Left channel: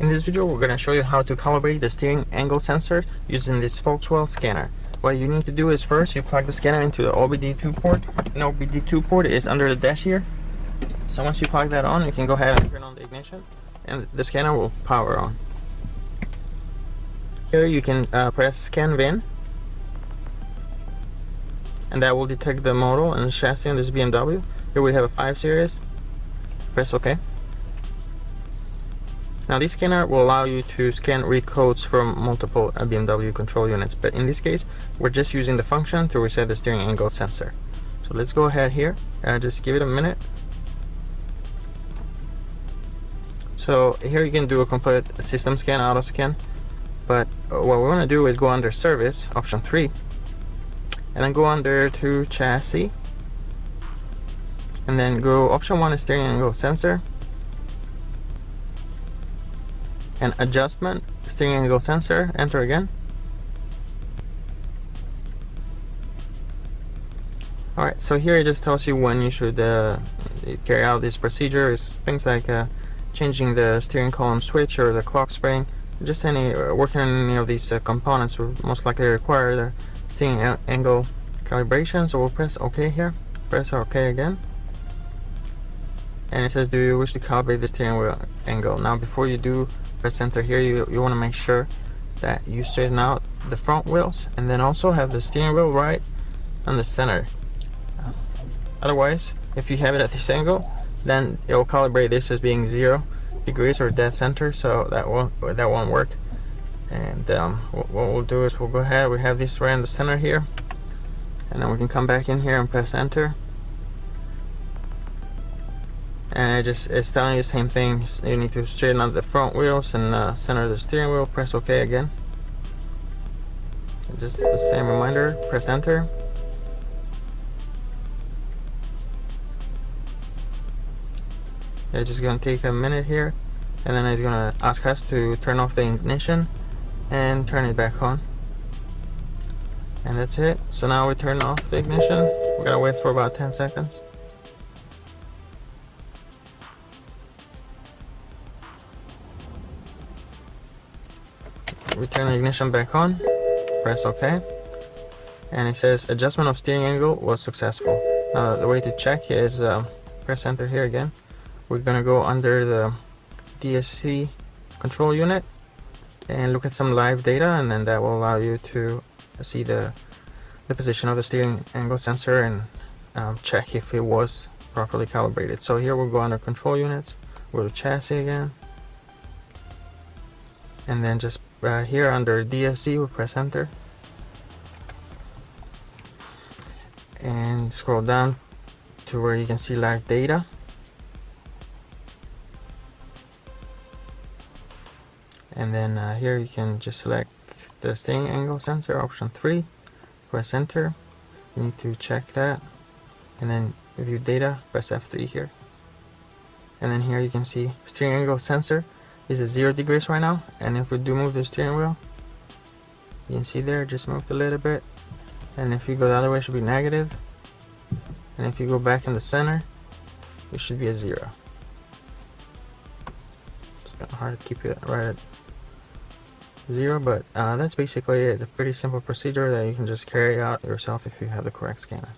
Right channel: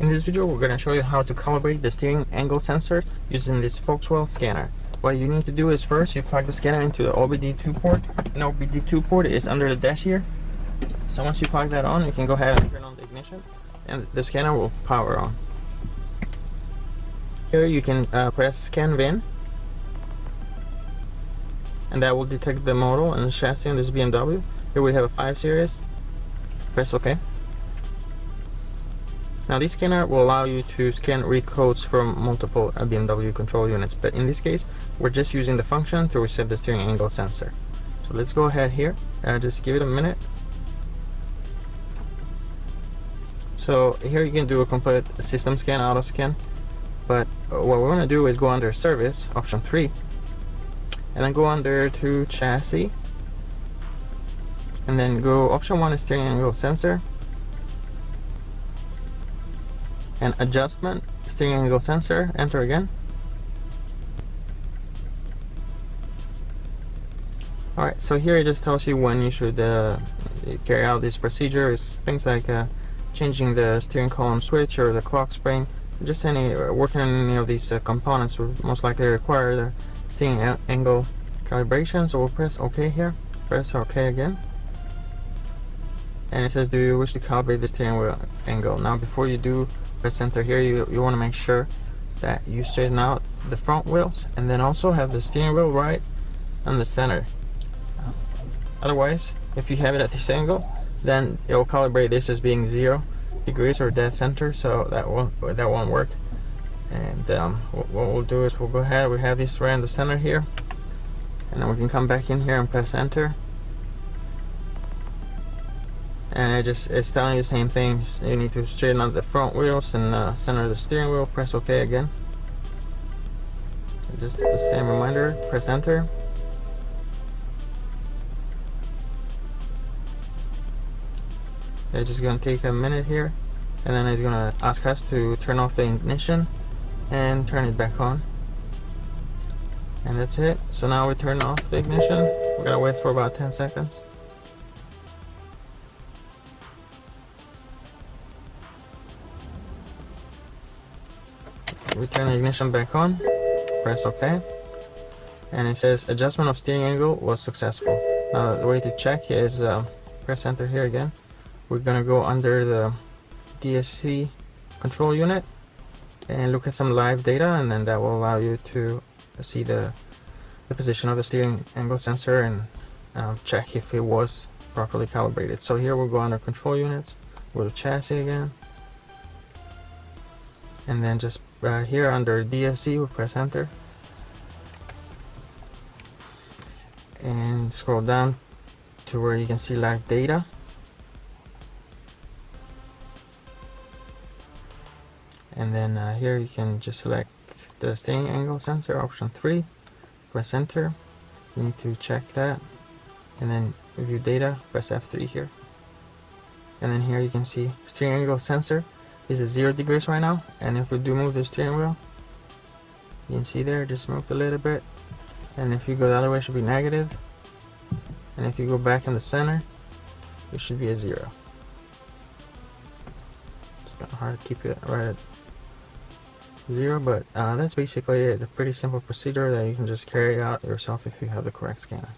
In this video, we're going to show you how to calibrate the steering angle sensor using this Foxwell scanner. What you need to do is first, you plug the scanner into the OBD2 port. And OBD2 port is under the dash here. So once you plug that on, you can go ahead and turn on the ignition and the scanner will power on. Here you can press scan VIN, and that will detect the model and the chassis on this BMW. Here we have a 5 Series. Press OK. Now this scanner will allow you to scan read codes from multiple BMW control units, but in this case we're just using the function to reset the steering angle sensor. So let's go ahead here, just give it a minute. So here you can do a complete system scan, auto scan, but what we're going to do is go under service, option 3, and then go under to chassis, and then go option 1 is steering angle sensor, and adjustment, steering angle sensor, enter again. Alright, so here it just tells you when you should carry out this procedure. It's things like changing the steering column switch or the clock spring. Just working on any of these components will most likely require the steering angle calibration. So we'll press OK here, press OK again. And it says, do you wish to calibrate the steering wheel angle? Now before you do press enter here, you want to make sure that you straighten out the front wheels and then also have the steering wheel right on the center. Otherwise, if you have it at this angle, then it will calibrate this as being 0 degrees or dead center, so that won't work. And what we'll do is we'll go ahead, we have these right in the center here, and then we can come back in here and press enter. And it's telling you the same thing. You need to straighten out the front wheels and center the steering wheel. Press OK again. And just the same reminder, press enter. It's just going to take a minute here, and then it's going to ask us to turn off the ignition and turn it back on. And that's it. So now we turn off the ignition. We're going to wait for about 10 seconds. We turn the ignition back on, press OK, and it says adjustment of steering angle was successful. Now the way to check is press enter here again. We're gonna go under the DSC control unit and look at some live data, and then that will allow you to see the position of the steering angle sensor and check if it was properly calibrated. So here we'll go under control units, go to chassis again, and then just here under DSC we'll press enter and scroll down to where you can see live data. And then here you can just select the steering angle sensor, option 3, press enter. You need to check that, and then view data, press F3 here. And then here you can see steering angle sensor is at 0 degrees right now, and if we do move the steering wheel, you can see there, just moved a little bit. And if you go the other way, it should be negative, and if you go back in the center, it should be a 0. It's kind of hard to keep it right at 0, but that's basically a pretty simple procedure that you can just carry out yourself if you have the correct scanner.